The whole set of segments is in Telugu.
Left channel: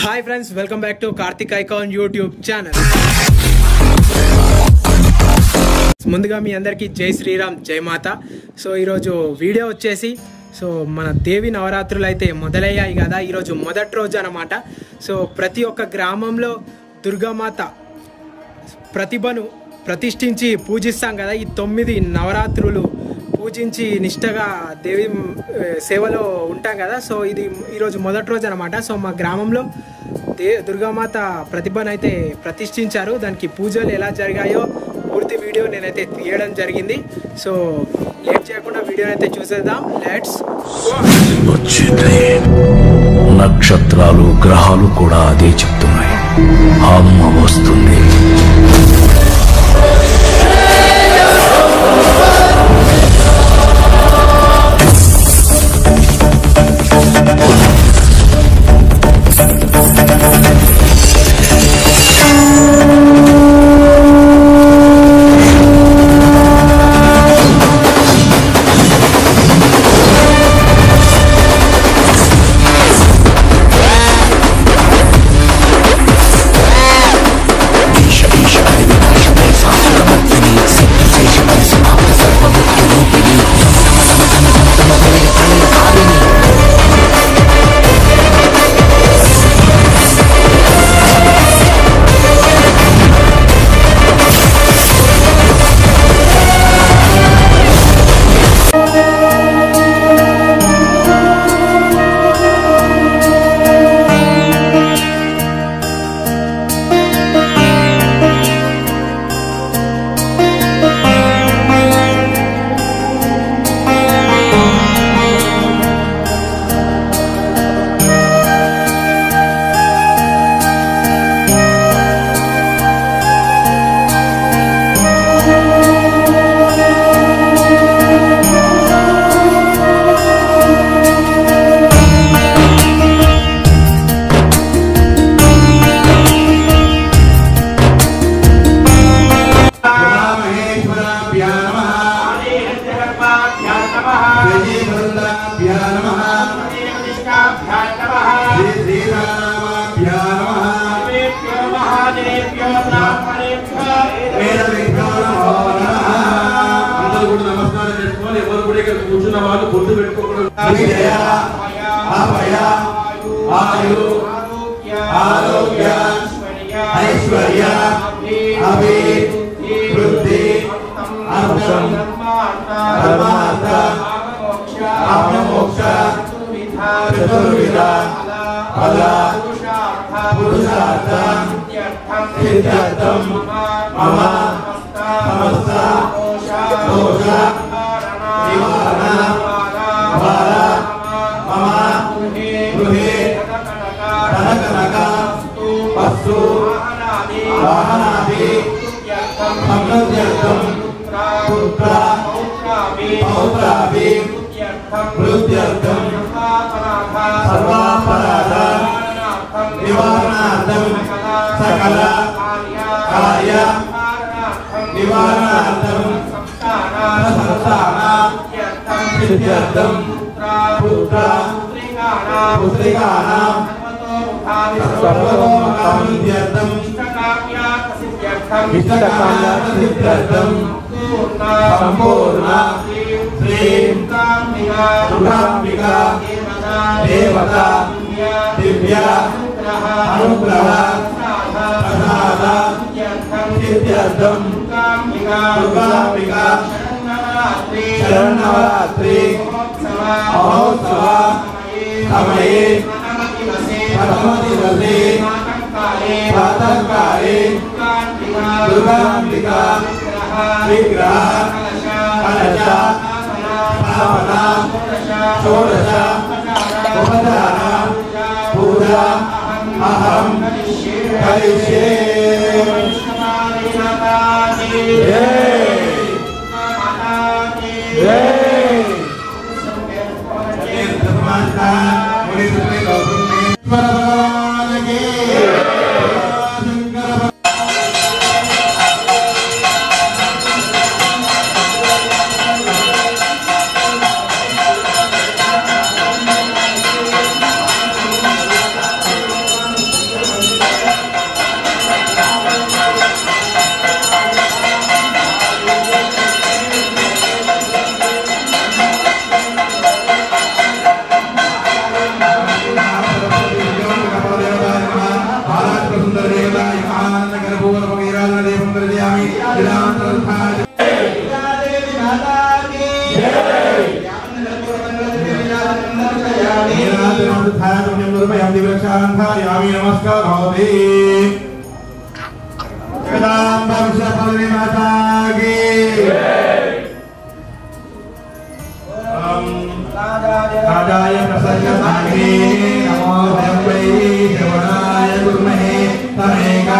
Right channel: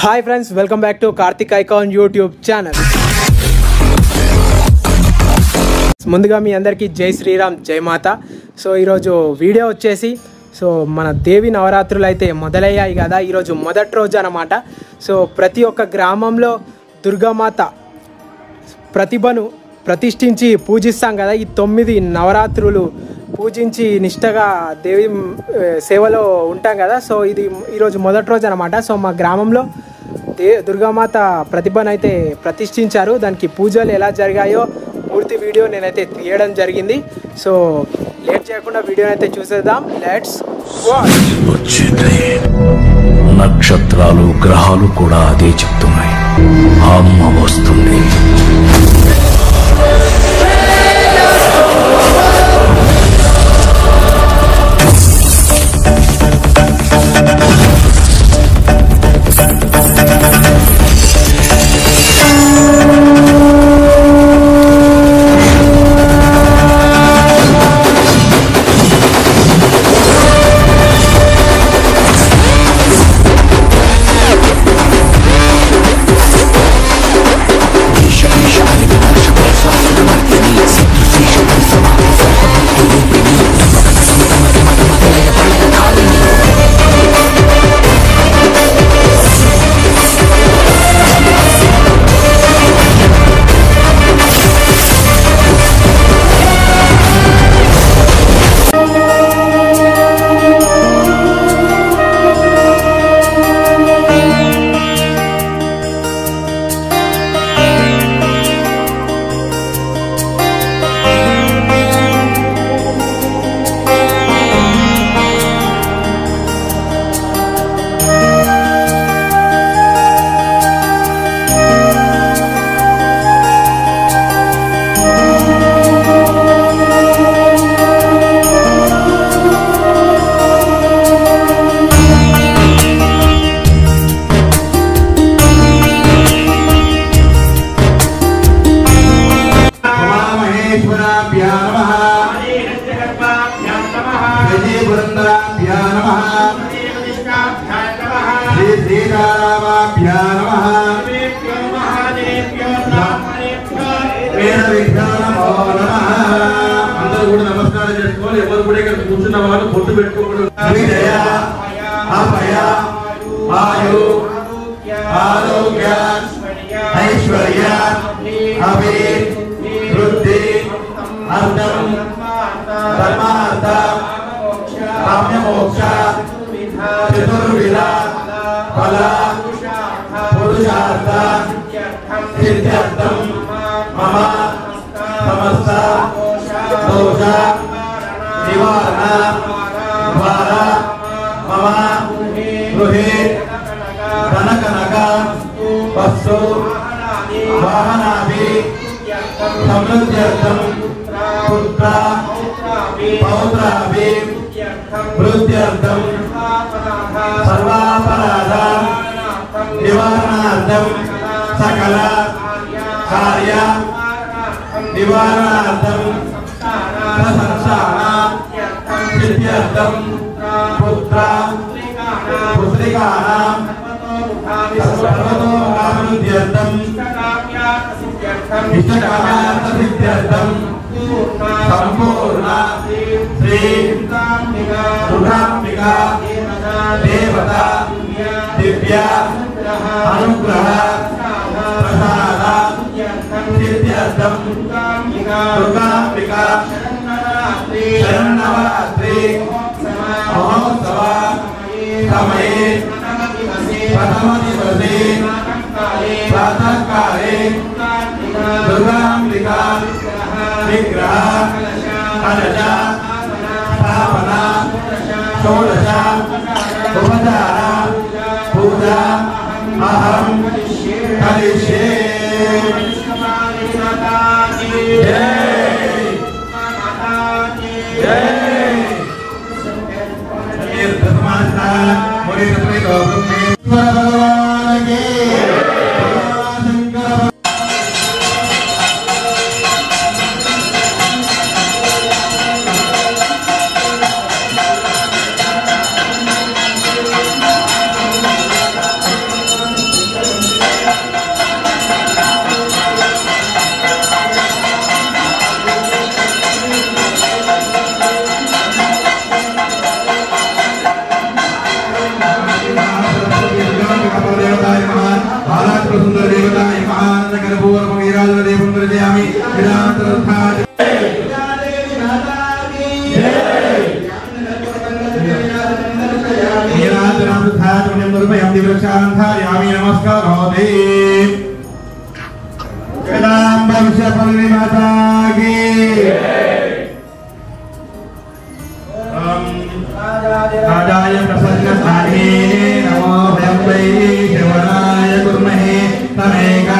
Hi friends, welcome back to Karthik icon YouTube channel. ముందుగా మీ అందరికీ జై శ్రీరామ్, జై మాత. సో ఈరోజు వీడియో వచ్చేసి మన దేవి నవరాత్రులు అయితే మొదలయ్యాయి కదా. ఈరోజు మొదటి రోజు అన్నమాట. సో ప్రతి ఒక్క గ్రామంలో దుర్గామాత ప్రతిభను ప్రతిష్ఠించి పూజిస్తాం కదా. ఈ 9 నవరాత్రులు పూజించి నిష్టగా దేవి సేవలో ఉంటాం కదా. సో ఇది ఈరోజు మొదటి రోజు అనమాట. సో మా గ్రామంలో దుర్గామాత ప్రతిభను అయితే ప్రతిష్ఠించారు. దానికి పూజలు ఎలా జరిగాయో పూర్తి వీడియో నేనైతే తీయడం జరిగింది. సో లేట్ చేయకుండా వీడియోని అయితే చూసేద్దాం. Let's watch. నక్షత్రాలు గ్రహాలు కూడా అదే చెప్తున్నాయి, అమ్మ వస్తుంది. गन्धायामि नमस्कारोति जगदाम्बविश्वपल्ली माता की राजाय प्रसन्नताये नमो भगवते शिवाय गुरुमहे तमेका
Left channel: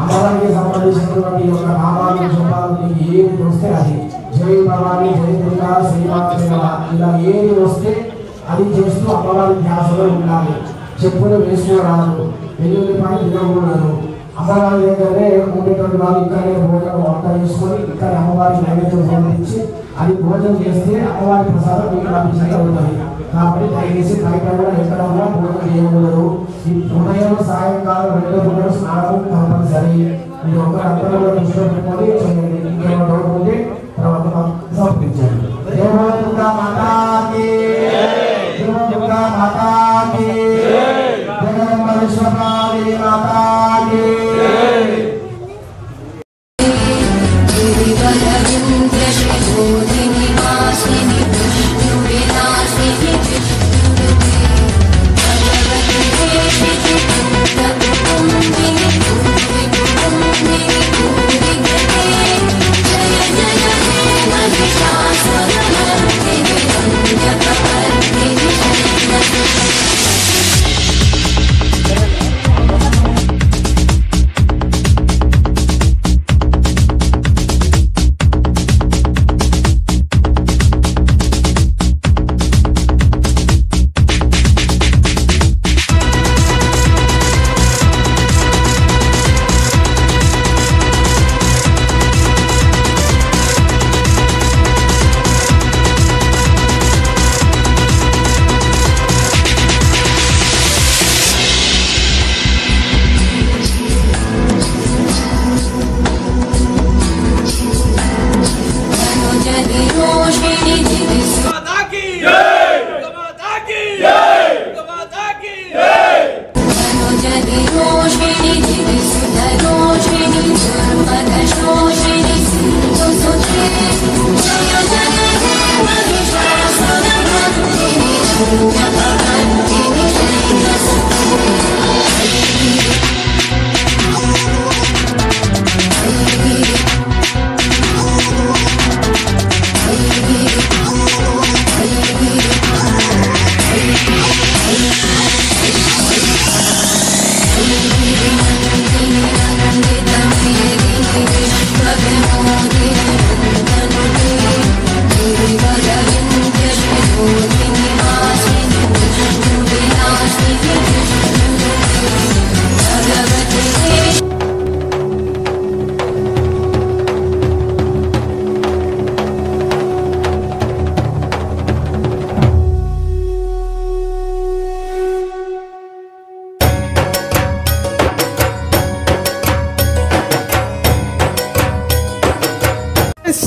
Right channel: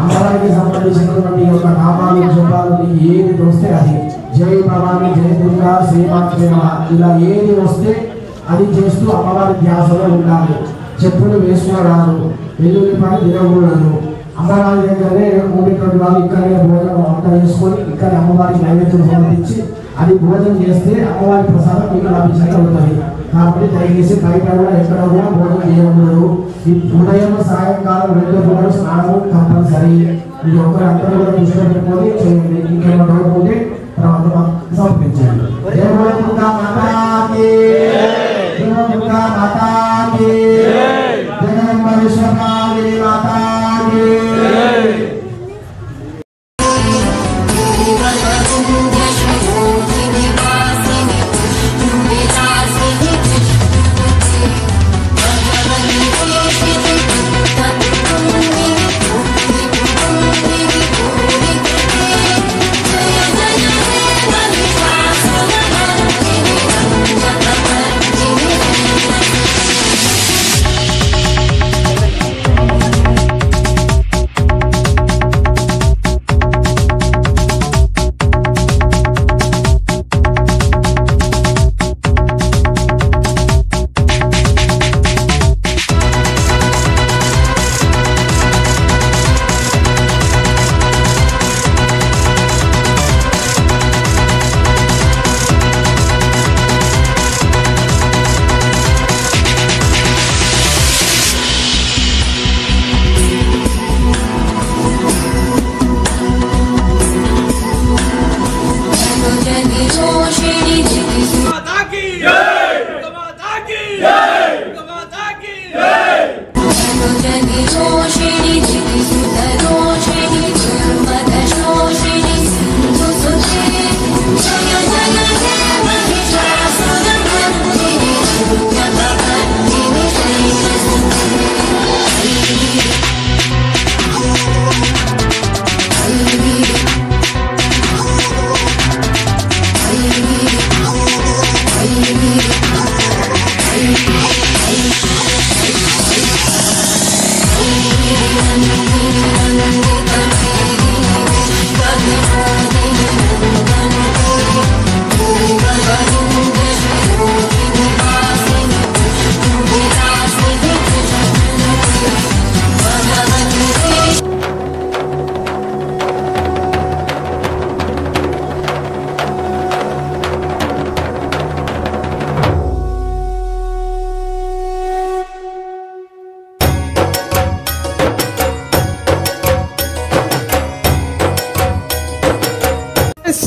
అమ్మవారికి సంబంధించినటువంటి ఒక నామాలు జపాలు ఏది వస్తే అది జై భవాని జై దుర్గా శ్రీమాత్రేవ ఇలా ఏది వస్తే అది చేస్తూ అమ్మవారి ధ్యాసలో ఉండాలి. చెప్పులు వేసుకోరాదు, వెల్లుల్లిపాయ తినకూడదు. అమ్మవారి దగ్గరే ఉండేటువంటి వాళ్ళు ఇక్కడే భోజనం వంట వేసుకొని ఇక్కడ అమ్మవారికి నైవేద్యం సమర్పించి అది భోజనం చేస్తే అమ్మవారి ప్రసాదం మీకు లభించే ఉంటుంది. కాబట్టి దయచేసి బయట కూడా ఎక్కడ కూడా భోజనం చేయకూడదు. ఈ ఉదయం సాయంకాలం 2 పూటలు స్నానం కంపల్సరీ. ఇది ఒకరు అందరూ కూడా దృష్టిలో పెట్టుకొని చేయండి. ఇంకేమైనా డౌట్ ఉంటే తర్వాత సమర్పించండి. దేవదుర్గా మాతాకి, దేవదుర్గా మాతాకి, జగదంబ విశ్వకాళి మాతాకి.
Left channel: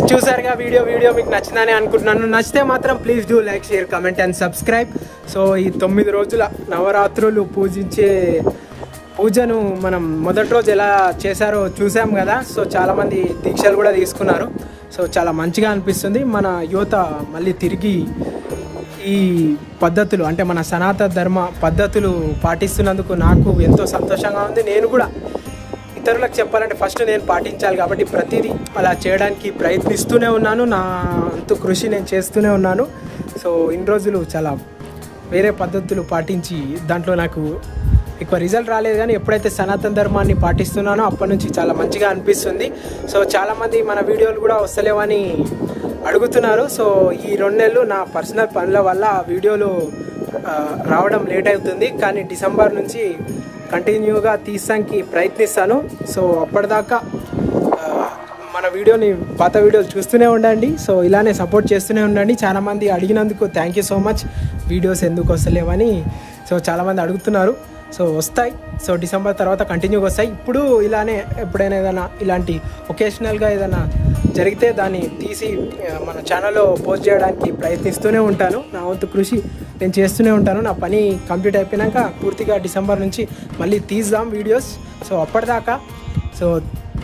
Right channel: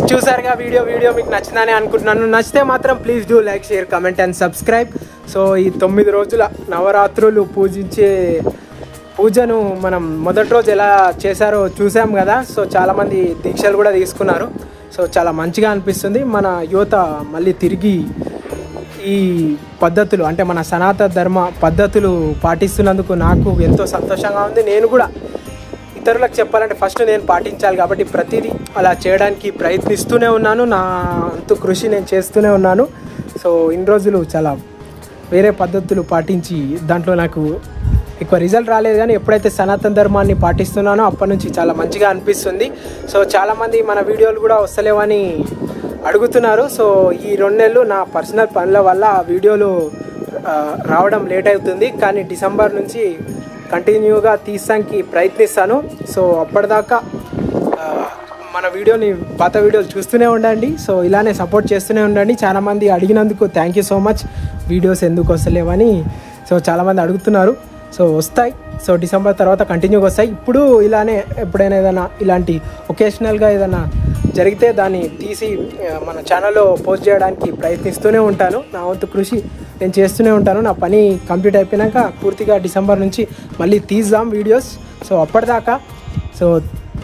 చూసారుగా వీడియో మీకు నచ్చిందని అనుకుంటున్నాను. నచ్చితే మాత్రం please do like, share, comment and subscribe. So ఈ 9 రోజుల నవరాత్రులు పూజించే పూజను మనం మొదటి రోజు ఎలా చేశారో చూసాం కదా. సో చాలా మంది దీక్షలు కూడా తీసుకున్నారు. సో చాలా మంచిగా అనిపిస్తుంది. మన యువత మళ్ళీ తిరిగి ఈ పద్ధతులు అంటే మన సనాతన ధర్మ పద్ధతులు పాటిస్తున్నందుకు నాకు ఎంతో సంతోషంగా ఉంది. నేను కూడా ఇతరులకు చెప్పాలంటే ఫస్ట్ నేను పాటించాలి కాబట్టి ప్రతిదీ అలా చేయడానికి ప్రయత్నిస్తూనే ఉన్నాను. నా అంత కృషి నేను చేస్తూనే ఉన్నాను. సో ఇన్ని రోజులు చాలా వేరే పద్ధతులు పాటించి దాంట్లో నాకు ఎక్కువ రిజల్ట్ రాలేదు, కానీ ఎప్పుడైతే సనాతన ధర్మాన్ని పాటిస్తున్నానో అప్పటి నుంచి చాలా మంచిగా అనిపిస్తుంది. సో చాలా మంది మన వీడియోలు కూడా వస్తలేవని అడుగుతున్నారు. సో ఈ 2 నెలలు నా పర్సనల్ పనుల వల్ల ఆ వీడియోలు రావడం లేట్ అవుతుంది, కానీ డిసెంబర్ నుంచి కంటిన్యూగా తీసానికి ప్రయత్నిస్తాను. సో అప్పటిదాకా మన వీడియోని పాత వీడియోలు చూస్తూనే ఉండండి. సో ఇలానే సపోర్ట్ చేస్తూనే ఉండండి. చాలా మంది అడిగినందుకు thank you so much. Videos ఎందుకు వస్తలేవని సో చాలా మంది అడుగుతున్నారు. సో వస్తాయి. సో డిసెంబర్ తర్వాత కంటిన్యూగా వస్తాయి. ఇప్పుడు ఇలానే ఎప్పుడైనా ఏదైనా ఇలాంటి ఒకేషనల్గా ఏదైనా జరిగితే దాన్ని తీసి మన ఛానల్లో పోస్ట్ చేయడానికి ప్రయత్నిస్తూనే ఉంటాను. నా వంతు కృషి నేను చేస్తూనే ఉంటాను. నా పని కంప్లీట్ అయిపోయినాక పూర్తిగా డిసెంబర్ నుంచి మళ్ళీ తీద్దాం వీడియోస్. సో అప్పటిదాకా so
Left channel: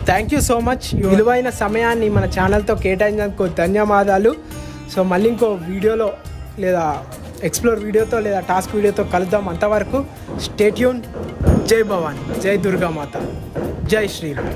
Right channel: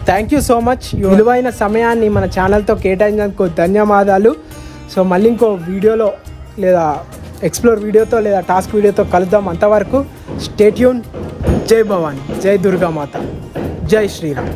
thank you so much. విలువైన సమయాన్ని మన ఛానల్తో కేటాయించినందుకు ధన్యవాదాలు. సో మళ్ళీ ఇంకో వీడియోలో లేదా ఎక్స్ప్లోర్ వీడియోతో లేదా టాస్క్ వీడియోతో కలుద్దాం. అంతవరకు స్టే ట్యూన్. జై భవాని, జై దుర్గామాత, జై శ్రీరామ్.